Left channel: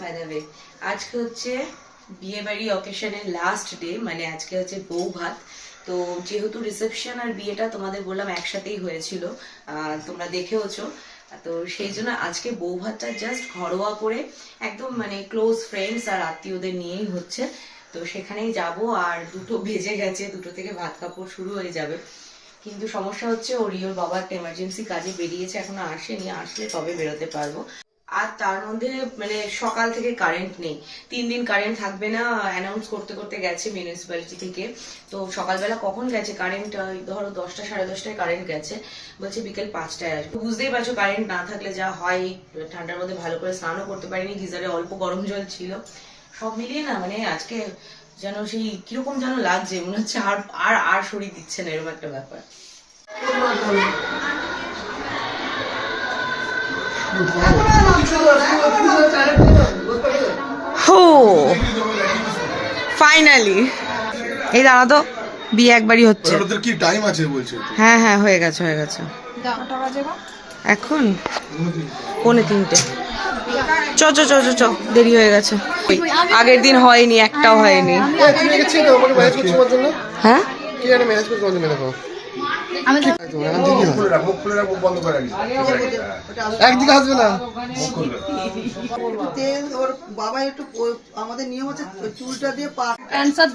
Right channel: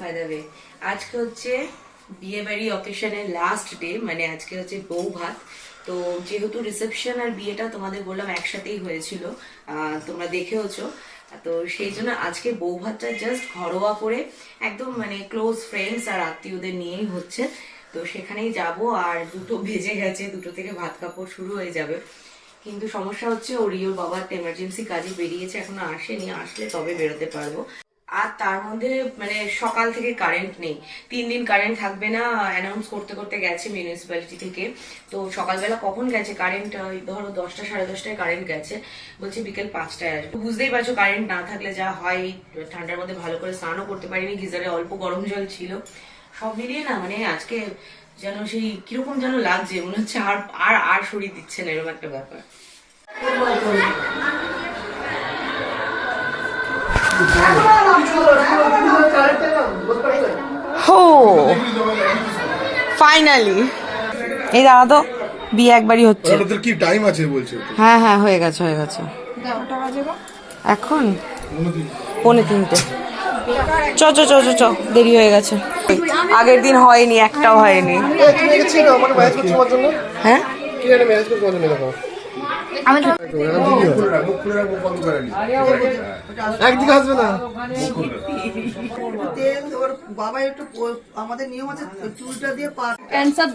By the way আজকে হচ্ছে বিয়ে বাড়ি অকেশনের লাস্ট ডে মানে আজকে হচ্ছে বউ ভাত। তো যেহেতু রিসেপশন আর বিয়েটা তোমাদের বললাম একসাথেই হয়েছিল তোমরা দেখেওছো। তো সেই জন্য আজকে বউ ভাতটা জাস্ট ঘরোয়া করে একদম মানে ক্লোজ ফ্রেন্ডস আর আত্মীয়দের নিয়েই হচ্ছে। তো সেখানেই যাব আর দুটো বেজে গেছে, দুটো থেকে ভাত কাপড় শুরু হয়ে যাবে। কিন্তু সমস্যা হচ্ছে ও রিওর বাবার এমার্জেন্সি কাজে বেরিয়েছে, এখনও আসেনি। আসলে তবে বেরোতে পারব? আর তার মধ্যে মানে সকাল থেকে কারেন্ট নেই। তিন দিন কারেন্ট থাকবে না অ্যানাউন্স করতে করতে গেছে মিউনিসিপ্যালিটি থেকে। তো সকালবেলা কখন গেছে কারেন্ট ধরো দশটা, সাড়ে দশটায় কারেন্ট গেছে। বলছে বিকেল পাঁচটায় আসবে। বুঝতেই পারছ কারেন্ট না থাকলে যা হয়। ঠান্ডার মধ্যে ভালো করে স্নানও করতে পারিনি, গিজারে অল্প গরম জল ছিল। সব মিলিয়ে না মানে আজকে যেন সেই কীরকম যেন লাগছে, মনে হচ্ছে আর আর আর শরীর দিচ্ছে না, এরকম একটা ব্যাপার। হো ফাইনালি এই দাঁড়া তো বিয়ে একবারই হচ্ছে। ওদের কি টাইম আছে বলছে হ্যাঁ হ্যাঁ হয়ে গেছে হয়ে গেছে। এখন? পৌনে তিনটে। চ চ চ চ চ দেরি হয়ে গেছে। আগের দিন হয়নি একটাও হয়নি। হ্যাঁ? মুখ খুলে রাখ মুখ খুলে মুখ বন্ধ করে একদিকে আসবে না। তেল ওর বাবা একটু আমাদের নিয়ম আছে চুলটা দিয়ে পা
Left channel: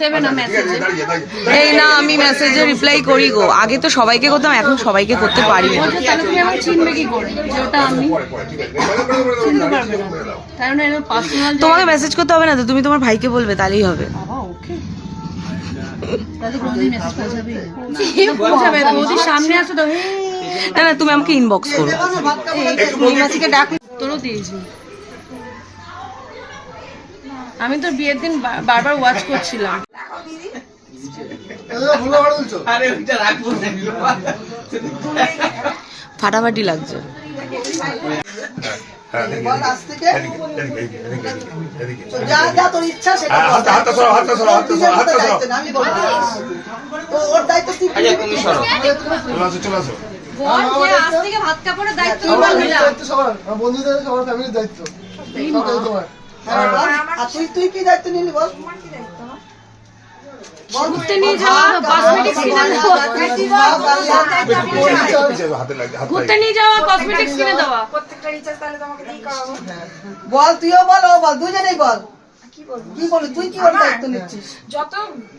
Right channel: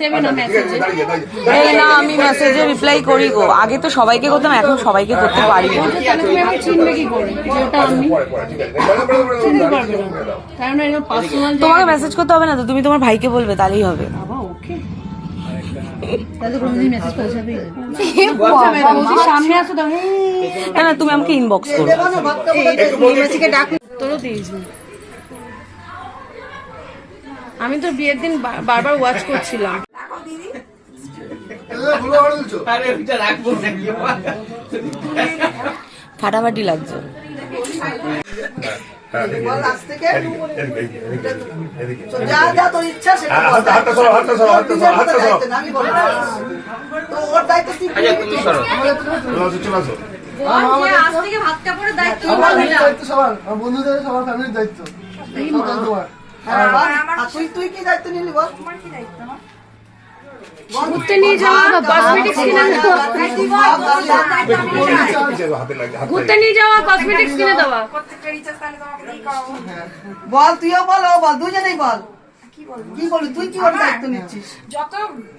দেবে না ঠিক আছে দাঁড়িয়ে দাঁড়িয়ে এই না আমি মেসেজে রিপ্লাই করি গো। আগে তো সবাইকে করতাম এখন সবাইকে করতে পারি না। তাহলে তুমি আমার চিনবে কি করে? যে ওটা আমি কারণ এটা পার্সোনাল তোমাকে মেসেজ করতে হবে না তো তুমি তোমার ভাইকে বলবে তাহলেই হবে। বাবা ওকে না। না সামনে আসো তো না না তুমি আমাকে ইনবক্স করো। ডাক। তোরও দিয়েছি। আমি তো বিয়ের দিন বারবার ওয়াচ করছিলাম। ফাটাফাটি লাগছে। হ্যাঁ হ্যাঁ, বন্ধুদের সবার ফ্যামিলির দায়িত্ব। তোমার। হ্যাঁ। তুই তুই কি দায়িত্ব নিলি বল? ঘুরতে নিয়ে যাওয়া কসমেটিক্স কিনে দেওয়া। ঘুরতে নিয়ে যাওয়া কসমেটিক্স কিনে দেওয়া। বল তুইও বল ও বল দুজনেই বল। কি বলবি? তুই কি ওর দায়িত্ব নিচ্ছিস। যত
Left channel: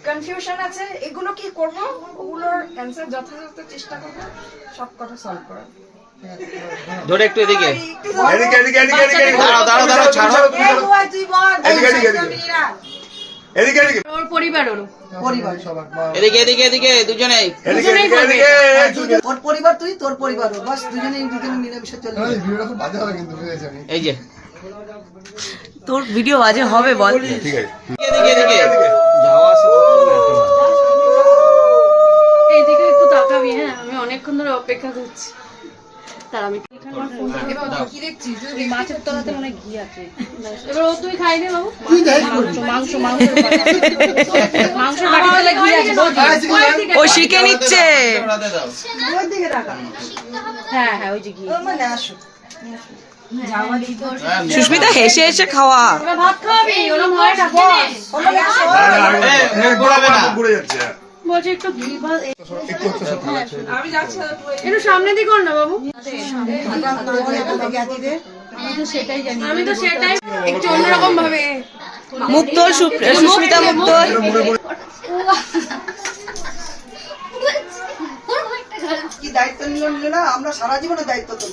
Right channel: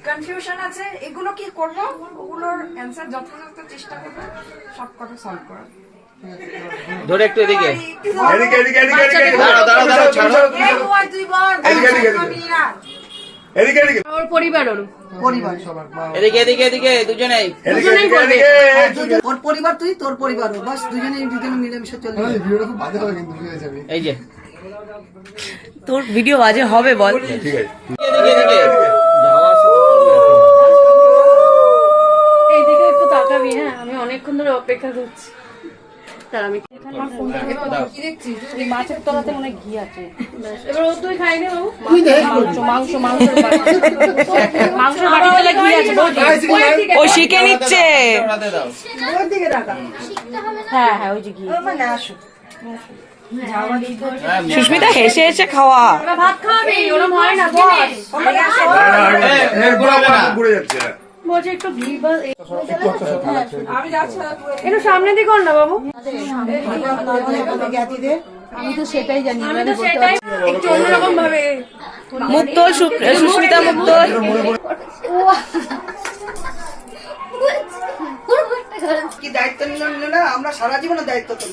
কনফিউশন আছে এগুলো কি করব? ওগুলোর অ্যান্সার যথাযথ চেষ্টা করব সব কথা সলভ করার। ধরে একটু এদিকে। এদিকে এদিকে এদিকে দাঁড়াও, দাঁড়াও, ছাড়ো। এদিকে এদিকে এদিকে এদিকে। ওর পরিবার ওর। পরিবার। সবার এদিকে এদিকে এদিকে দুজনেই এদিকে ওর পরিবার তুই তোর পরিবার। ও। বাস দুজনে দুজনে মিলেমিশে চলবে। এই ভিডিওটা খুব বাজে হবে কিন্তু বুঝে যাবি এই যে। তোর ভিডিও বাজে হবে বল। ঠিক আছে। এদিকে এদিকে যাওয়া আসা এইদিকে একটু তাকাবি হ্যাঁ? আমি অনেকক্ষণ ধরে অপেক্ষা করছি। তার আমি আমার ফোনটা কি দেখছিস? মাছের তলাতে মনে ঘি আছে। এবার ও তুই খাই নে বাবু। মাংস মাংস মাংস মাংস বাটি। তলে ঘি আছে ও শিখে নিচ্ছে। হ্যাঁ হ্যাঁ ওই যে ঘি। মানে আসো। সুস্মিতা হেসে হেসে খাওয়া। ভাত খাওয়াবি ওরম হয় না বস। হ্যাঁ। বলছে একটু ঘি বা একটু সামনে দিকে কর না বাবু। আমি তো সেটাই জানি। আমি তো সেটাই একটু অন্যরকম ভাবে সুস্মিতা কি দায়িত্ব নিল না? আমরা সারা জীবনের দায়িত্ব তো।